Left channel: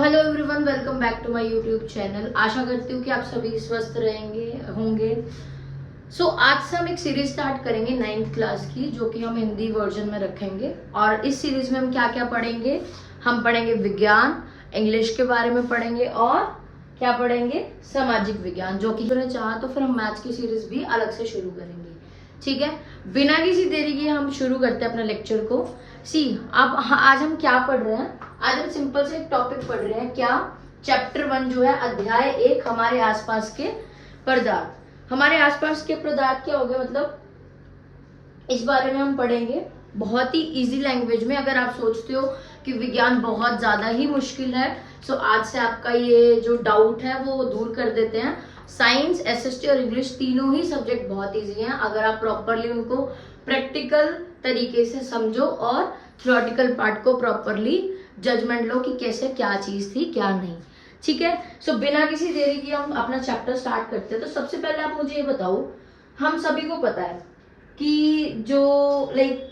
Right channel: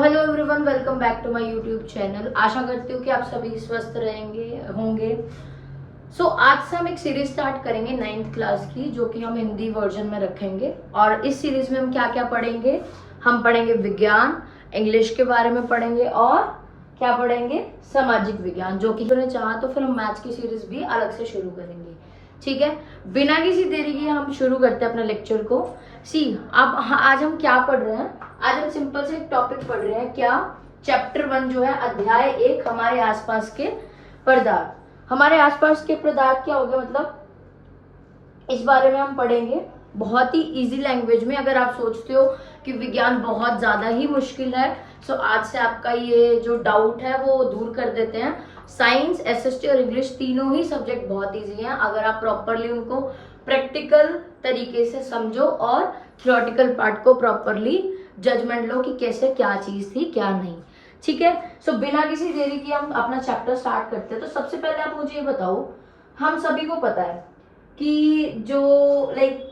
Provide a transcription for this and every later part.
Hello everyone, welcome back to my YouTube channel. आशा करती हूँ कि आप सभी स्वस्थ रहेंगे होंगे। आज से हम एक सीरीज स्टार्ट करेंगे 9th क्लास की, जो कि हम हिंदी वर्जन में रखेंगे। और इस सीरीज में हम क्या क्या पढ़ेंगे? हम पढ़ेंगे विज्ञान, इंग्लिश के बारे में पढ़ेंगे और क्या पढ़ेंगे? सामाजिक विज्ञान। जो कि मैंने चाहा तो फिर हम मैथ्स की सीरीज भी अलग से शुरू करेंगे। ठीक है, बिना किसी देरी के हम शुरू करते हैं अपना लेक्चर को। अब आज हम क्या पढ़ रहे हैं? आज हम सिंपल से एक टॉपिक पढ़ रहे हैं। क्या? चैप्टर 1 जो है, अध्याय 1, हमारे आसपास के पदार्थ। हमारे आसपास के पदार्थ क्या हो गए, मतलब इस बारे में हम पढ़ेंगे बहुत ही इजी लैंग्वेज में। अगर आप सोचते हो कि विज्ञान बहुत ज्यादा ही मुश्किल है, तो आज से आपका ये जो डाउट है वो दूर कर देते हैं। साइंस, एसएसटी और इंग्लिश तीनों ही सब्जेक्ट बहुत इजी हैं, अगर आप प्रॉपरली उनको प्रैक्टिकल तरीके से समझो और थ्योरेटिकल पार्ट को प्रॉपरली जजमेंट लो कि कैसे क्या चीज थी क्या नहीं। ठीक है, बिना किसी देरी के हम अपना चैप्टर स्टार्ट करते हैं। तो सबसे पहले आप मुझे ये बताओ, हम सभी को पता है कि जो लाइक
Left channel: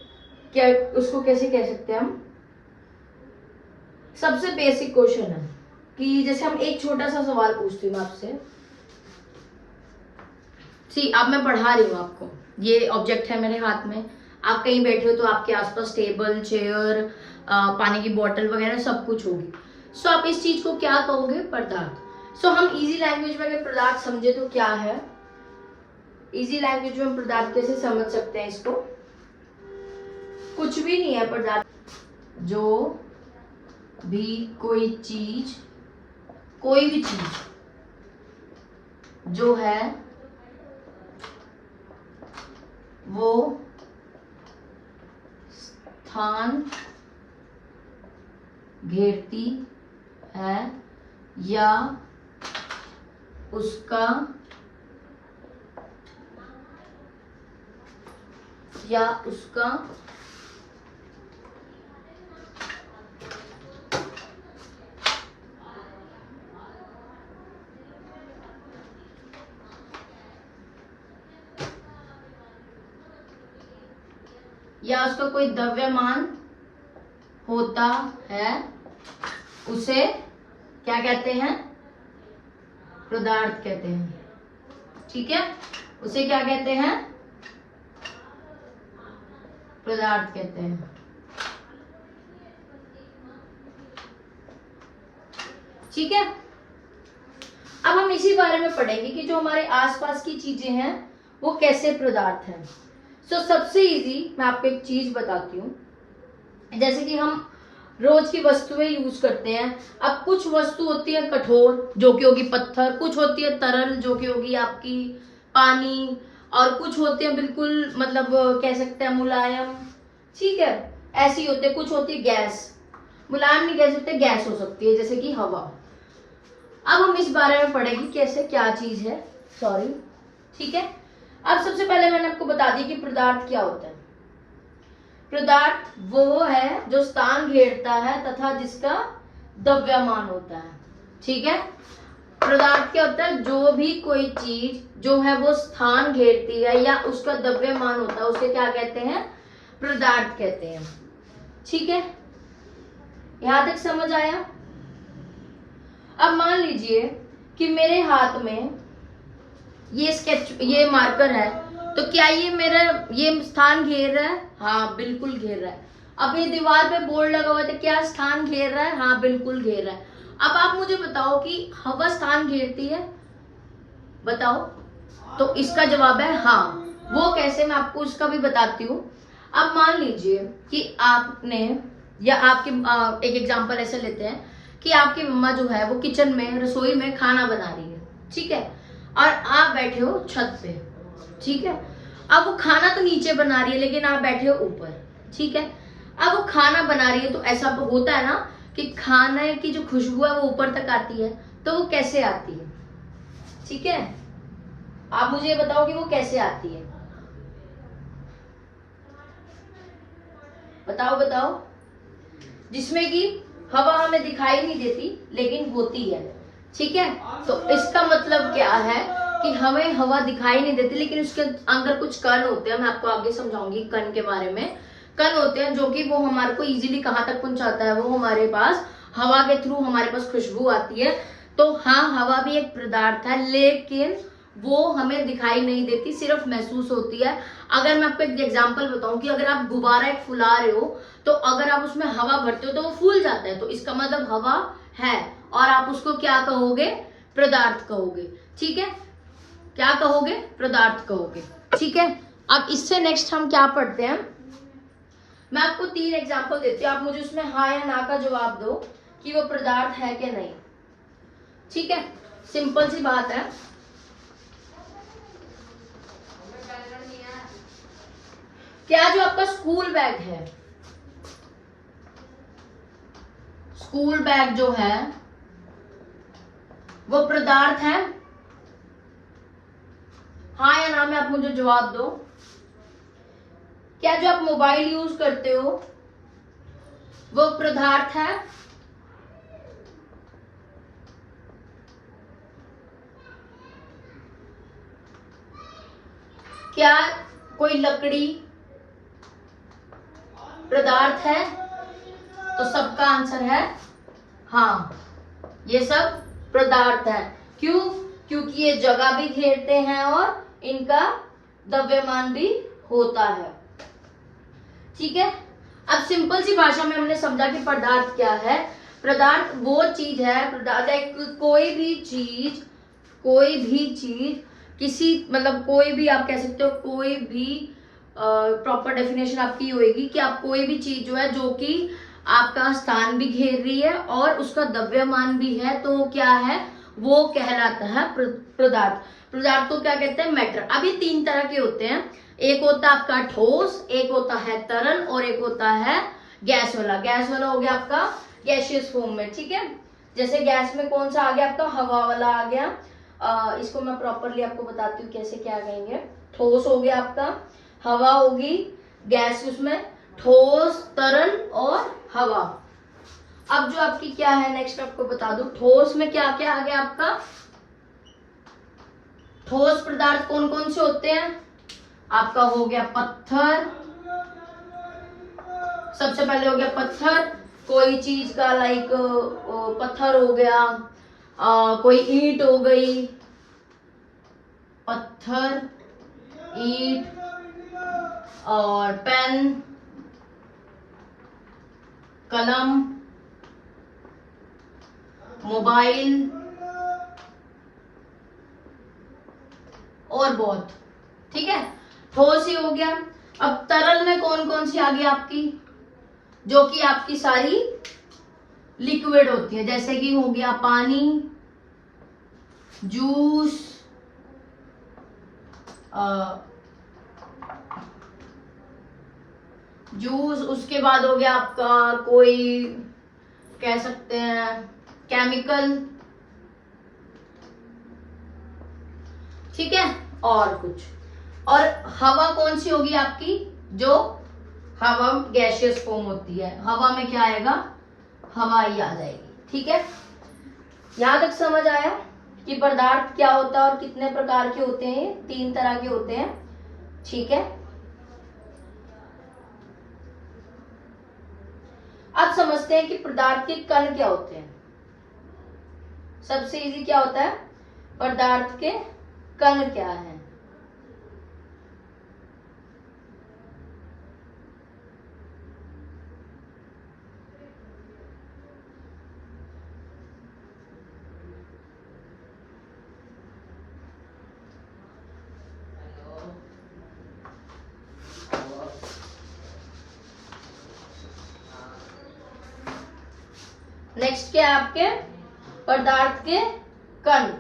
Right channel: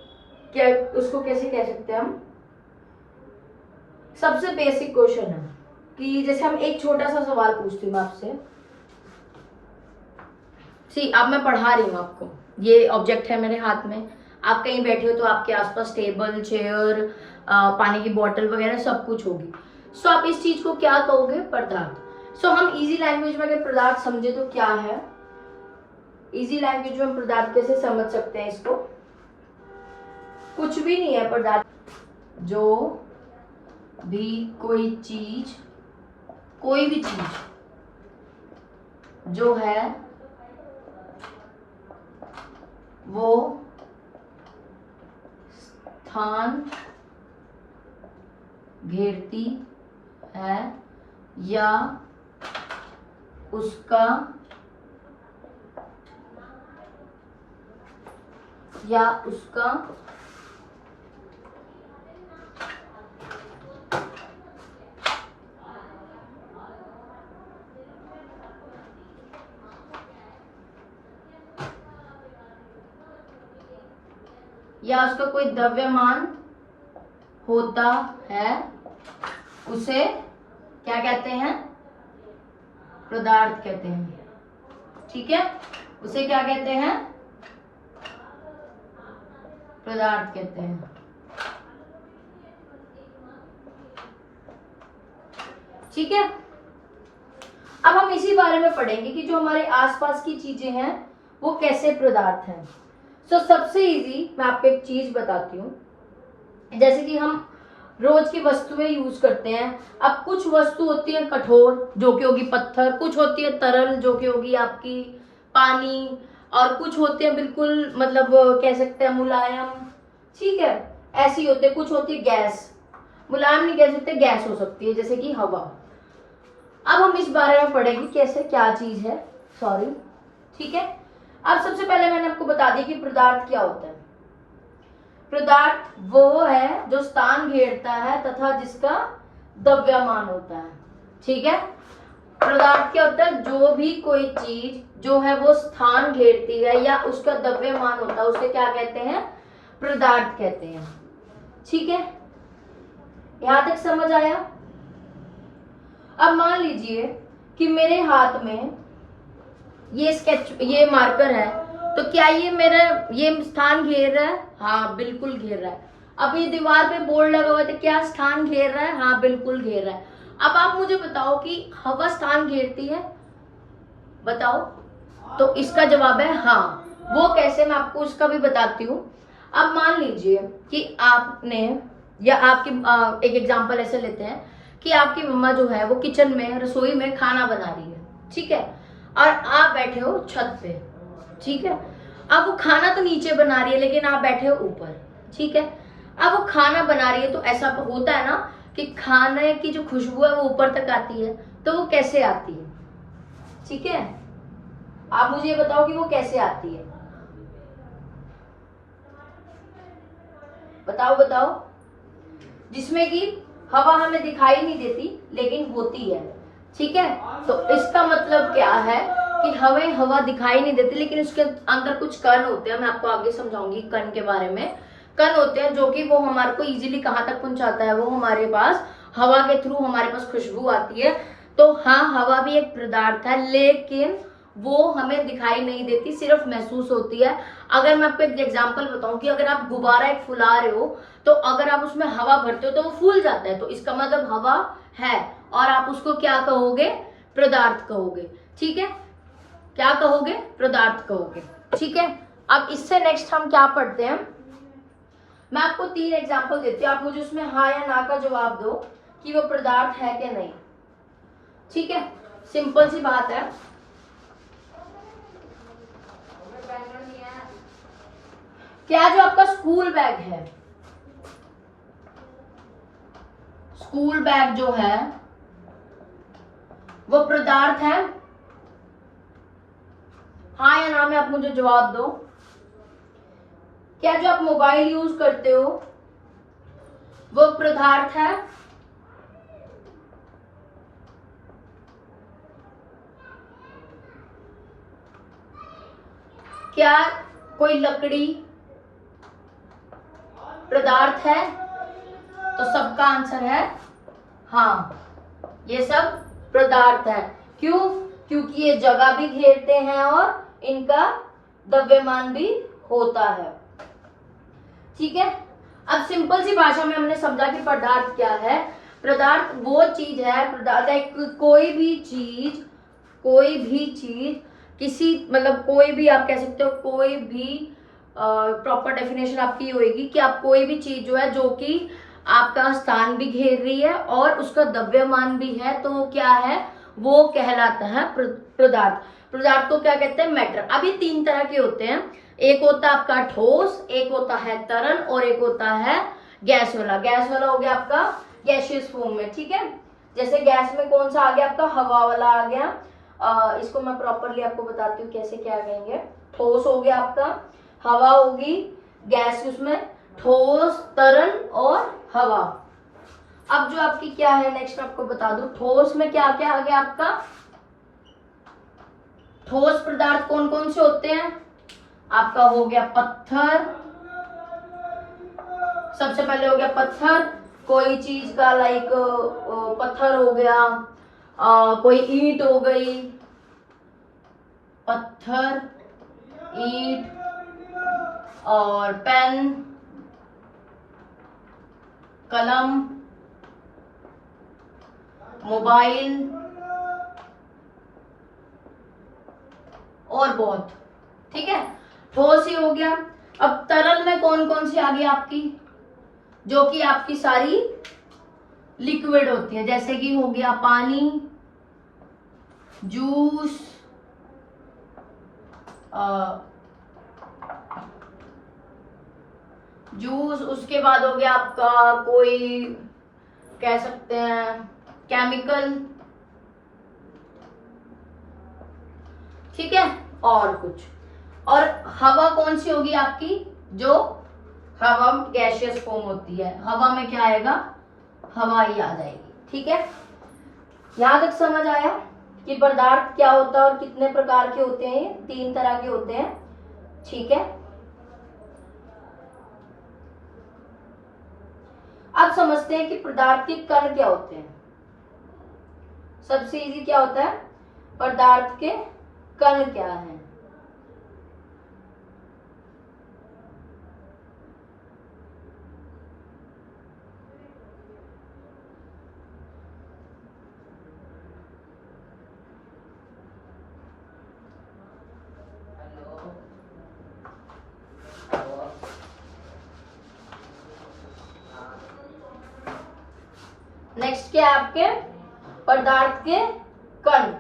क्या उसको कैसे कह सकते हैं हम, सबसे बेसिक क्वेश्चन है कि जैसे हम एक छोटा सा सवाल पूछती हूँ आपसे। अब मैं पढ़ा रही हूँ आपको, ये ऑब्जेक्ट है मेरे हाथ में, आप कहीं बैठे हो तो आपके आसपास टेबल, चेयर, पानी की बोतल वगैरह सब कुछ होगी। आप इस चीज को क्या कहोगे? पदार्थ। हम इजी लैंग्वेज में अगर पदार्थ समझे तो क्या है? इजी लैंग्वेज में हम पदार्थ कैसे समझ सकते हैं इसको? कुछ भी नहीं है पदार्थ, जो भी कोई चीज, कोई भी चीज जो है वो स्थान घेरती है या उसका कोई द्रव्यमान होता है, उसे क्या कहते हैं? पदार्थ कहते हैं। ठीक है, उसे क्या कहते हैं? पदार्थ कहते हैं। ठीक है, अब हम इसी बारे में पढ़ेंगे कि जो हमारे आसपास की चीजें हैं वो कैसे पदार्थ हैं। सबसे इजी मैं आपको एक चीज बताती हूँ। जैसे कि हम रोज की वस्तुएं यूज करते हैं। अब कुछ वस्तु होती है कठोर, जो कि होगी पत्थर, कुछ होती है तरल, जो कि होगी आपकी पानी, और कुछ होती है बिल्कुल मतलब कह सकते हैं मुलायम। ठीक है, ऐसी होती है। कुछ होती है गैस, मुलायम नहीं कह सकते, गैस हो सकती है जैसे कि हवा। अब हम इस बारे में पढ़ेंगे कैसे क्या चीज है। ठीक है, अब सबसे पहले मैंने आपको बता दिया कि पदार्थ क्या होता है। पदार्थ वो है जो स्थान घेरता है तथा जिसका द्रव्यमान होता है। ठीक है, पदार्थ क्या होता है? जो भी कोई चीज जो है वो स्थान घेरती है या उसका द्रव्यमान होता है, उसे क्या कहते हैं? पदार्थ कहते हैं। ठीक है, यहां तक समझ आया? अब मान लीजिए कि मेरे हाथ में ये मार्कर है, तो क्या ये स्थान घेर रहा है? हाँ, बिल्कुल घेर रहा है। अब ये दीवार पे बोर्ड लगा हुआ है, तो क्या स्थान घेर रहा है? हाँ, बिल्कुल घेर रहा है। अब आप मुझे बताओ कि हवा स्थान घेरती है? बताओ। तो इसका जवाब है हाँ। वो कैसे, मैं आपको उसका भी बताती हूँ। अब मान लीजिए कि आपने या आपकी एक एग्जांपल ऐसे लेते हैं कि आपकी मम्मा जो है वो किचन में, रसोई में खाना बना रही है। ठीक है, और आप बैठे हो छत पे। ठीक है, अब वो खाना तो नीचे बना रही है लेकिन आप बैठे हो ऊपर। ठीक है, अब वो खाना बना रही है, तो ऐसा होता है ना कि खाने की जो खुशबू है वो ऊपर तक आती है। तो वो कैसे आती है? ठीक है, आप मुझे ये बताओ कि वो कैसे आती है? बताओ। जिसमें कि हवा हमें दिखाई नहीं देती लेकिन होती है। ठीक है, तो इसका मतलब क्या है कि हमें हवा दिखाई नहीं देती लेकिन उसके अंदर कुछ कण होते हैं। मैं आपको आगे समझाऊंगी कण के बारे में। कण होते हैं जो कि वो हमारे को इजीली कहाँ तक पहुंचाता है? वो हमारे पास हवा के थ्रू हमारे पास खुशबू आती है। तो हाँ, हवा भी एक पदार्थ है, लेकिन वो हमें दिखाई नहीं देती, सिर्फ महसूस होती है। अगर मैं आपको एक एग्जांपल बताऊं कि अगर आप गुब्बारा एक फुला रहे हो, तो अगर आप उसमें हवा भरते हो तो वो फूल जाता है, तो इसका मतलब हवा है, और आप उसको क्या कहोगे? पदार्थ कहोगे। ठीक है, क्या कहोगे? पदार्थ कहोगे। ठीक है, अब इससे नेक्स्ट हम क्या पढ़ते हैं, मैं आपको 3 एग्जांपल देती हूँ, आप मुझे उसमें हाँ या ना का जवाब दो कि वो पदार्थ है कि नहीं। ठीक है, सिंपल सी बात है। क्या जो आपका स्कूल बैग है, स्कूल बैग जो है वो पदार्थ है? हाँ या ना में आप मुझे जवाब दो। क्या जो आप मोबाइल यूज करते हो वो पदार्थ है? क्या कोई लकड़ी पदार्थ है? तो सबका आंसर है हाँ, ये सब पदार्थ है। क्यों? क्योंकि ये जगह भी घेरते हैं और इनका द्रव्यमान भी होता है। ठीक है, अब सिंपल सी भाषा में हमने समझा कि पदार्थ क्या है। पदार्थ वो चीज है, पदार्थ है कोई भी चीज किसी, मतलब कोई भी, आप कह सकते हो कोई भी, प्रॉपर डेफिनेशन आपकी होगी कि आप कोई भी चीज जो है, जो कि आपका स्थान भी घेर रही है और उसका द्रव्यमान भी है, तो क्या है? वो कहलाता है पदार्थ। पदार्थ को क्या कहते हैं? मैटर। अब ये 3 तरह के होते हैं, एक होता है आपका ठोस, एक होता है तरल, और एक होता है गैस वाला। गैस वाला हो गया आपका गैसियस फॉर्म में। ठीक है, जैसे गैस में कौन सा आ गया आपका? हवा वाला आ गया। इसको मैं प्रॉपरली आपको बताती हूँ कैसे क्या कहेंगे। ठोस हो गया आपका, हवा होगी, गैस उसमें, ठोस, तरल और हवा। अब जो आपकी क्या है नेक्स्ट आपको बता दूं, ठोस में क्या क्या आ गया आपका? ठोस पदार्थ कौन कौन से होते हैं? आपका हो गया पत्थर, सबसे पहले हो गया पत्थर, कोई चीज का लाइक पत्थर हो गया, कोई ईंट हो गई, पत्थर, ईंट और पेन, कलम, मोबाइल और बहुत। ठीक है, ठोस ही हो गया। अब तरल में कौन कौन सी आ गई आपकी? जो कि आपकी सारी लिक्विड होती है, जैसे कि हो गया पानी, जूस, उसके बाद हो गया आपका कोई, कह सकते हैं केमिकल। ठीक है, और कुछ। और हवा कौन सी होगी आपकी? जो हवा गैसियस फॉर्म होती है, हवा में क्या आएगा? हवा ही आ जाएगी। ठीक है, यहां तक समझ आया कि पदार्थ क्या होता है और कितने प्रकार के होते हैं? 3 तरह के होते हैं। ठीक है, अब समझते हैं कि पदार्थ के कण क्या होते हैं। सबसे इजी क्या होता है? पदार्थ के कण क्या है? नेक्स्ट क्या है आपके? पदार्थ के कण।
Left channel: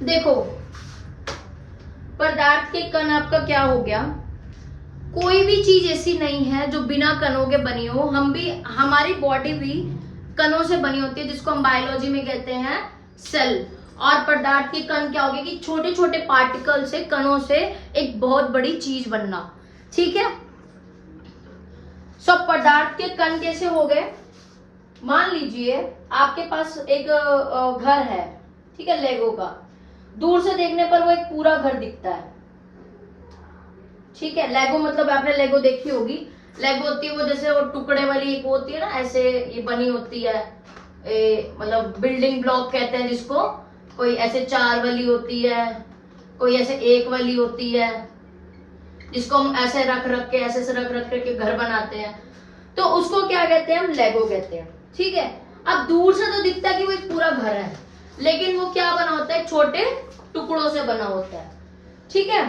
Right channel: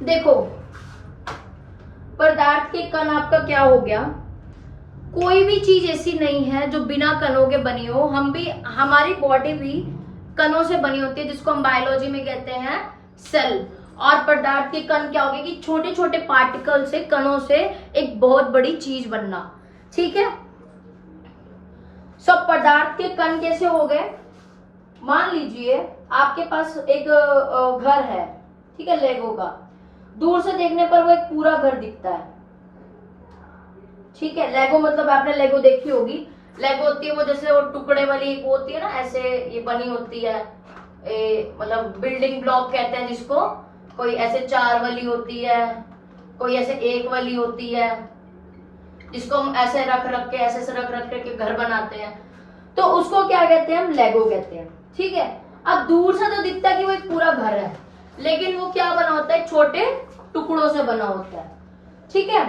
देखो, पदार्थ के कण आपका क्या हो गया? कोई भी चीज ऐसी नहीं है जो बिना कणों के बनी हो। हम भी, हमारी बॉडी भी कणों से बनी होती है, जिसको हम बायोलॉजी में कहते हैं सेल। और पदार्थ के कण क्या हो गया? कि छोटे छोटे पार्टिकल से, कणों से एक बहुत बड़ी चीज बनना। ठीक है, सब पदार्थ के कण कैसे हो गए? मान लीजिए आपके पास एक घर है, ठीक है, लेगो का। दूर से देखने पर वो एक पूरा घर दिखता है, ठीक है। लेगो मतलब आपने लेगो देखी होगी। लेगो होती है वो जैसे वो टुकड़े वाली एक होती है ना, ऐसे ये बनी होती है, मतलब बिल्डिंग ब्लॉक कहते हैं जिसको। कोई ऐसे 4 वाली होती है, कोई ऐसे 1 वाली होती है, जिसको हम ऐसे रख रख के ऐसे रख रख के घर बनाते हैं, तो उसको क्या कहते हैं? हम लेगो कहते हैं, ठीक है। अब दूर से तो दिखता है कि वो एक पूरा घर है, लेकिन वो क्या बना होता है? छोटे टुकड़ों से बना होता है, ठीक है।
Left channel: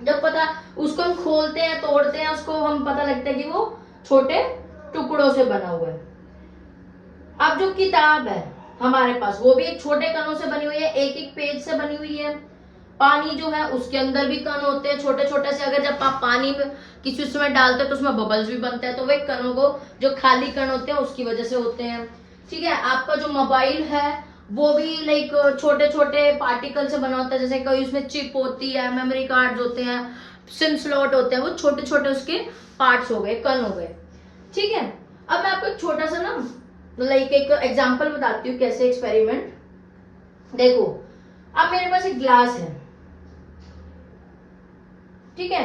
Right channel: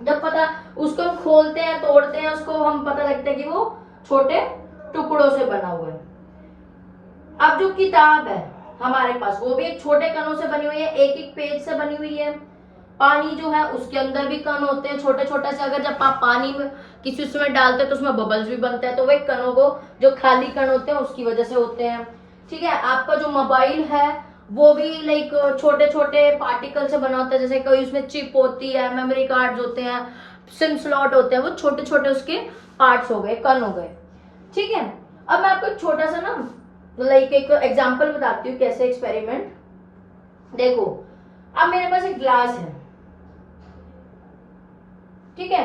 जब पता उसको हम खोलते हैं, तोड़ते हैं, उसको हम पता लगता है कि वो छोटे टुकड़ों से बना हुआ है। अब जो किताब है हमारे पास, वो भी एक छोटे कणों से बनी हुई है, एक एक पेज से बनी हुई है। पानी जो है उसके अंदर भी कण होते हैं छोटे छोटे से। अगर जब आप पानी में किसी उसमें डालते हैं तो उसमें बबल्स भी बनते हैं, तो वे कणों को, जो खाली कण होते हैं उसकी वजह से होते हैं, ठीक है। आपका जो मोबाइल है वो भी लाइक छोटे छोटे पार्टिकल से बना होता है, जैसे कोई उसमें चिप होती है, मेमोरी कार्ड होते हैं, सिम स्लॉट होते हैं, वो छोटे छोटे उसके पार्ट्स हो गए, कण हो गए, ठीक है। अब मैं आपको एक छोटा सा ना लाइक एक एग्जांपल बताती हूँ कैसे एक्सपेरिमेंट। देखो, अब मेरे पास एक ग्लास है, ठीक है।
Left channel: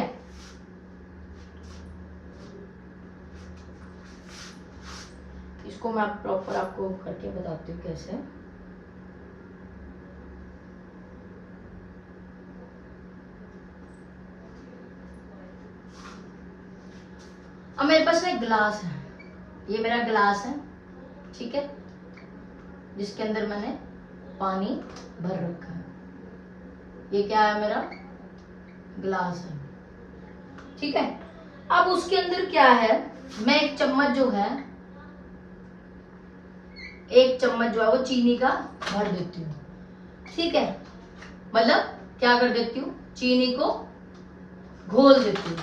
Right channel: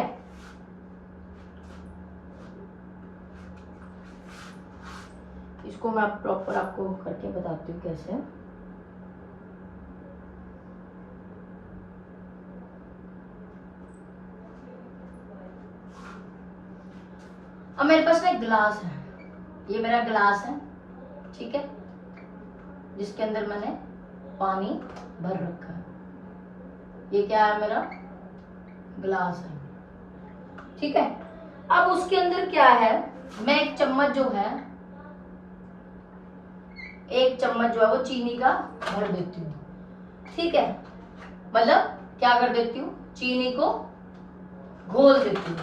इसको मैं प्रॉपर आपको करके बताती हूँ कैसे। अब मेरे पास ना एक ग्लास है, ये मेरा ग्लास है, ठीक है, जिसके अंदर मैंने पानी भर रखा है। ये क्या है? मेरा ग्लास है, ठीक है। अब उसके अंदर क्या है? मैं एक चम्मच जो है वो चीनी का भर देती हूँ, ठीक है। मतलब क्या कर देती हूँ? चीनी को घोल देती हूँ।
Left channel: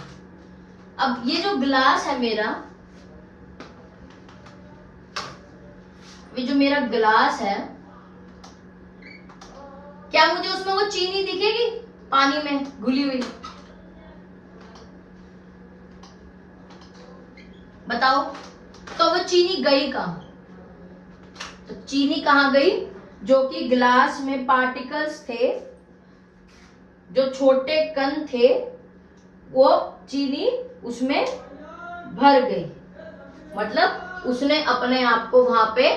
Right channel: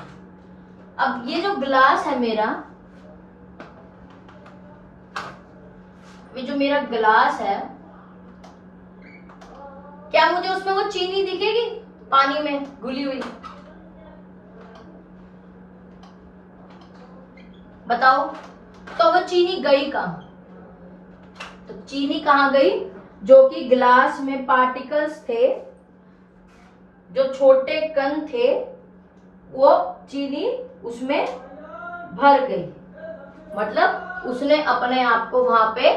अब ये जो ग्लास है मेरा, ये जो मेरा ग्लास है, क्या मुझे उसमें वो चीनी दिखेगी पानी में घुली हुई? बताओ। तो वो चीनी गई कहां? तो चीनी कहां गई? जो कि ग्लास में पार्टिकल्स थे, जो छोटे कण थे, वो चीनी उसमें भर गई। मतलब उसने अपने आप को वहां पे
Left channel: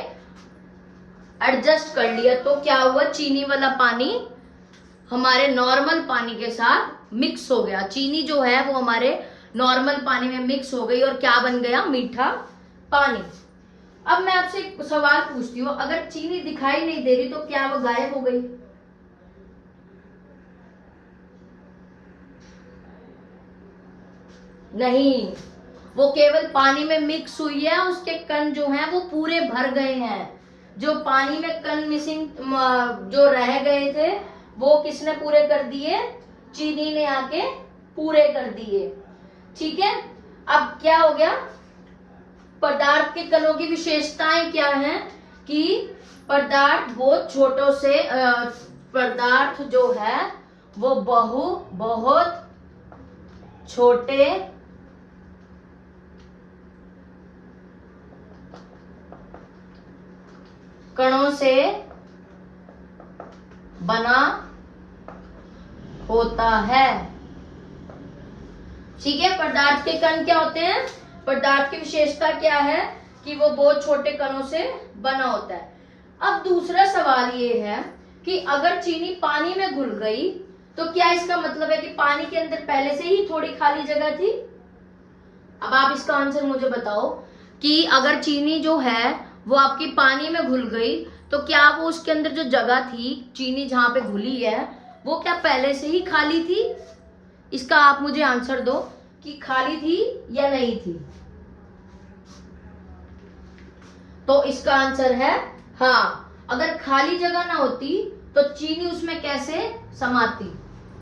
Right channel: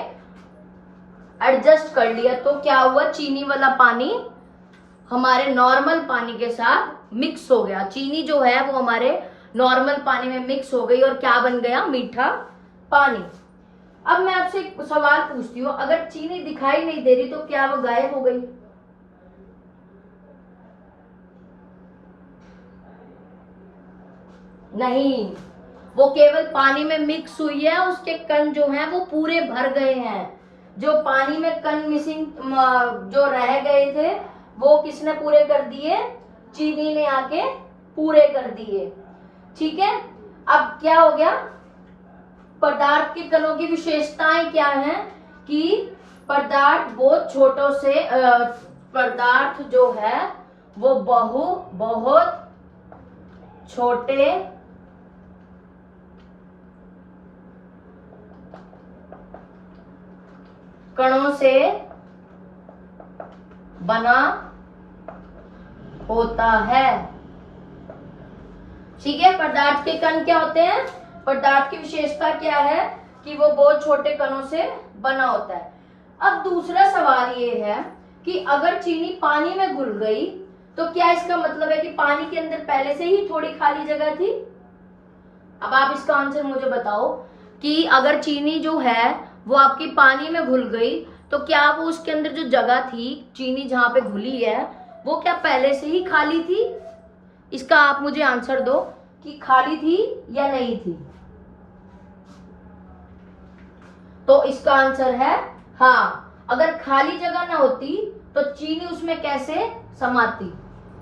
एडजस्ट कर लिया। तो क्या हुआ? चीनी वाला पानी हमारे नॉर्मल पानी के साथ मिक्स हो गया। चीनी जो है वो हमारे नॉर्मल पानी में मिक्स हो गई और क्या बन गया? मीठा पानी। अब मैं आपसे एक सवाल पूछती हूँ, अगर चीनी दिखाई नहीं दे रही तो क्या वो गायब हो गई? नहीं, वो केवल पानी में मिक्स हुई है, उसके कण जो हैं वो पूरे भर गए हैं। जो पानी में कण मिसिंग जो रह गए थे वो किसने पूरे कर दिए? चीनी ने आके पूरे कर दिए, ठीक है। अब क्या हो गया? पदार्थ के कणों की विशेषताएं क्या हैं? कि पदार्थ बहुत छोटों से पदार्थ जो है वो बहुत छोटे कणों से बना होता है, ठीक है। पदार्थ के कण क्या होते हैं? पदार्थ की विशेषता क्या है? कि वो बहुत छोटे कणों से बना होता है। अब दूसरा सवाल ये है कि अगर चीनी पानी में घुल गई तो क्या इसका मतलब है कि पानी के अंदर पहले से ही थोड़ी खाली जगह थी? अब आप इसका आंसर मुझे बताओ कि अगर चीनी जो है वो आपकी पानी में घुल गई तो क्या वो उसके अंदर जो जगह थी, चीनी जहां पे घुली है, वो क्या पहले से ही खाली थी? इसका आप मुझे आंसर दो कि खाली थी या नहीं थी। तो इसका आंसर है हाँ। अगर खाली जगह ना होती तो चीनी उसमें कैसे समाती?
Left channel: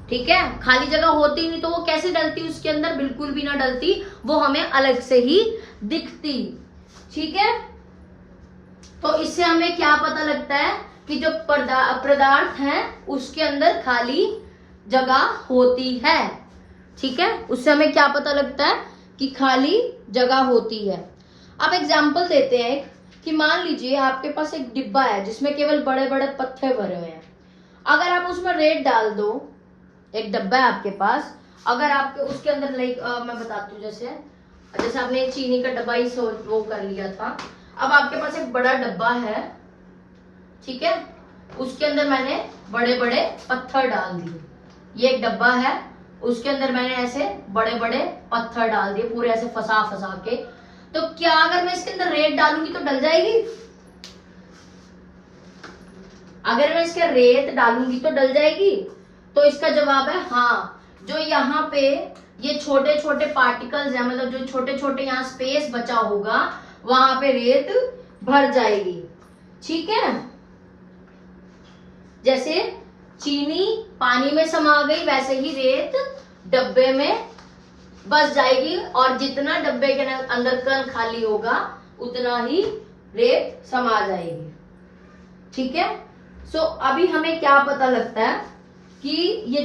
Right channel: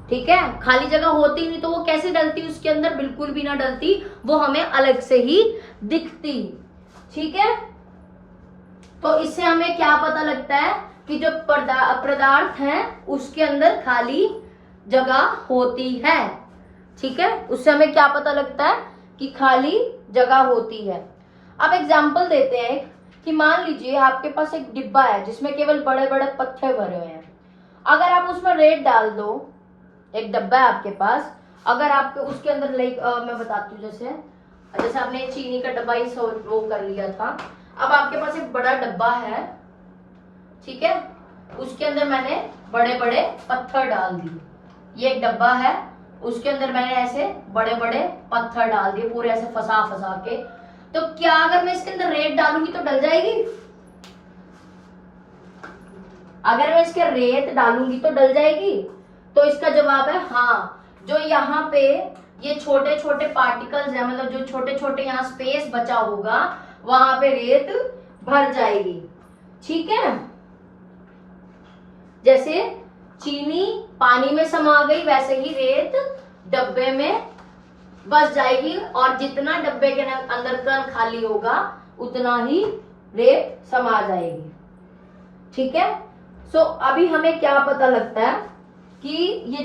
ठीक है, खाली जगह होती नहीं तो वो कैसे डलती उसके अंदर? बिल्कुल भी ना डलती, वो हमें अलग से ही दिखती, ठीक है। तो इससे हमें क्या पता लगता है कि जो पदार्थ है उसके अंदर खाली जगह होती है, ठीक है। उससे हमें क्या पता लगता है कि खाली जगह होती है। अब एग्जाम्पल देते हैं कि मान लीजिए आपके पास एक डिब्बा है जिसमें केवल बड़े बड़े पत्थर भरे हुए हैं। अगर आप उसमें रेत डाल दो, एक डब्बा है आपके पास, अगर आपके उसके अंदर मैं बताती हूँ, जैसे आपने चीनी का डब्बा ही वो कर लिया था। अब आपके पास एक बड़ा डब्बा है, ठीक है, उसके अंदर मैंने बड़े बड़े पत्थर डाल दिए। ये एक डब्बा है, उसके अंदर मैंने ऐसे बड़े बड़े पत्थर डाल दिए, पूरे ऐसे फंसा फंसा के। तो क्या अगर मैं इसके अंदर रेत डालूंगी तो डल जाएगी? अगर मैं इसके रेत डालूंगी तो डल जाएगी? तो इसका जवाब है हाँ। जो यहाँ पे ये छोटे छोटे पार्टिकल्स है, मतलब जो छोटे छोटे यहाँ स्पेस बचा होगा, वहां पे रेत भर जाएगी। ठीक है, जैसे चीनी पानी में समा गई, वैसे ही रेत डब्बे में बस जाएगी, और जितना डब्बे के अंदर कण खाली होगा उतना ही रेत समा जाएगी। ठीक है, सो अभी हमें क्या पता लगता है कि ये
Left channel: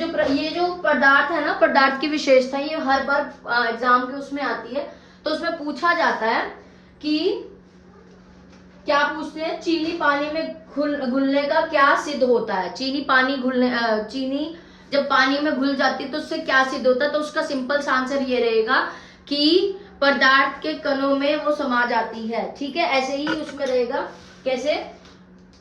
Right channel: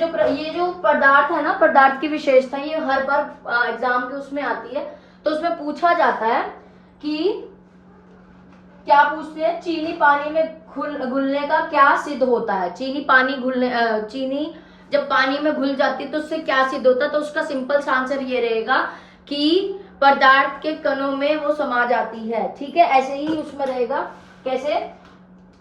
जो पदार्थ है ना, पदार्थ की विशेषता, ये हर बार एग्जाम के उसमें आती है। तो उसमें पूछा जाता है कि क्या पूछते हैं, चीनी पानी में घुलने का क्या सिद्ध होता है? चीनी जब पानी में घुल जाती है तो उससे क्या सिद्ध होता है? तो उसका सिंपल सा आंसर ये रहेगा कि पदार्थ के कणों में वो समा जाती है। ठीक है, ऐसे ही उसमें रहेगा। कैसे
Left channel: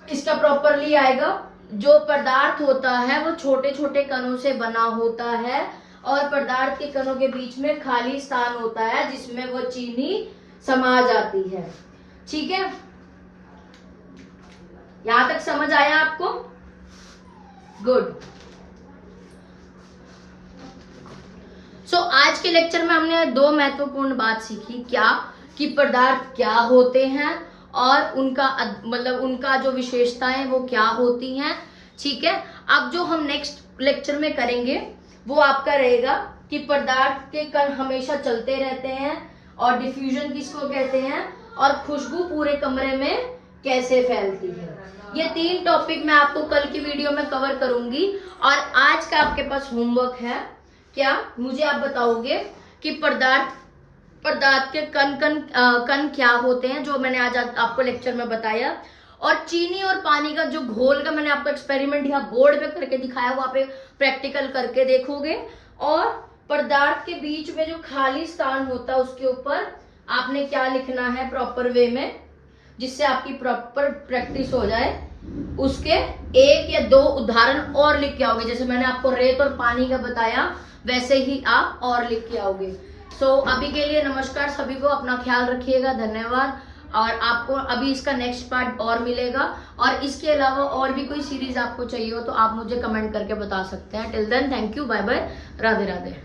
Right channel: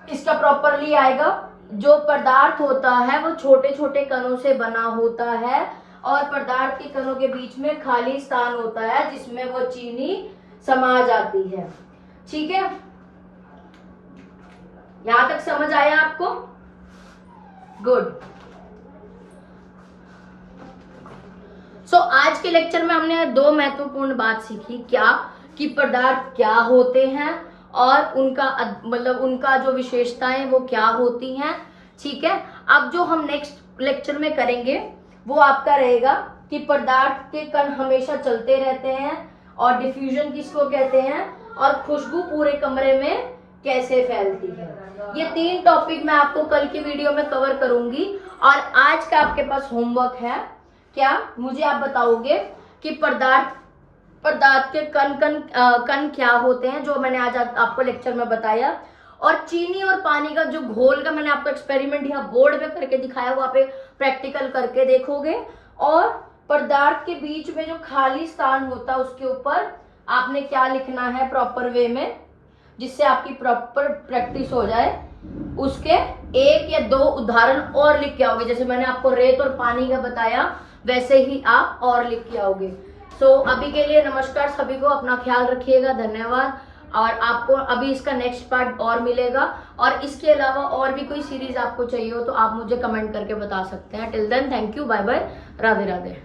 इसका प्रॉपरली आएगा? जो पदार्थ होता है वो छोटे छोटे कणों से बना होता है, और पदार्थ के कणों के बीच में खाली स्थान होता है जिसमें वो चीनी समा जाती है। ठीक है, यहां तक समझ आया आपको? गुड। सो आज के लेक्चर में हमने दो महत्वपूर्ण बात सीखी। क्या कि पदार्थ क्या होते हैं और उनका जो विशेषताएं वो क्या होती हैं। ठीक है, अब जो हम नेक्स्ट लेक्चर में करेंगे वो आपका रहेगा कि पदार्थ के कण हमेशा चलते रहते हैं, और डिफ्यूजन किसको कहते हैं, और खुशबू पूरे कमरे में कैसे फैलती है। ये 3 टॉपिक मैं आपको कल की वीडियो में कवर करूंगी। और आज का आपके पास होमवर्क है, क्या मुझे आप बताओगे कि पदार्थ के कण क्या होते हैं, जो मैंने आज आपको लेक्चर में बताया। और चीनी और पानी का जो घोल का मैंने आपको एक्सपेरिमेंट यहाँ बोर्ड पे करके दिखाया, वहां पे प्रैक्टिकल करके देखोगे। और पदार्थ के बीच में जो खाली स्थान होता है उसके ऊपर आपने क्या लिखना है प्रॉपर वे में, जिससे आपकी प्रॉपर प्रैक्टिस हो जाए। उसके 1 या 2 उदाहरण और लिख के आओगे। जैसे मैंने आपको रेत और पानी का बताया, वैसे ही आप और लिख के आओगे। सो अभी के लिए नमस्कार सभी को, अपना ख्याल रखिएगा, धन्यवाद। और आपको अभी इसका नेक्स्ट पार्ट और मिलेगा, और इसके अलावा और भी कोई सीरीज आपको चाहिए हो तो आप मुझे कमेंट करके बता सकते हैं। Till then, thank you, bye bye, Radhe Radhe.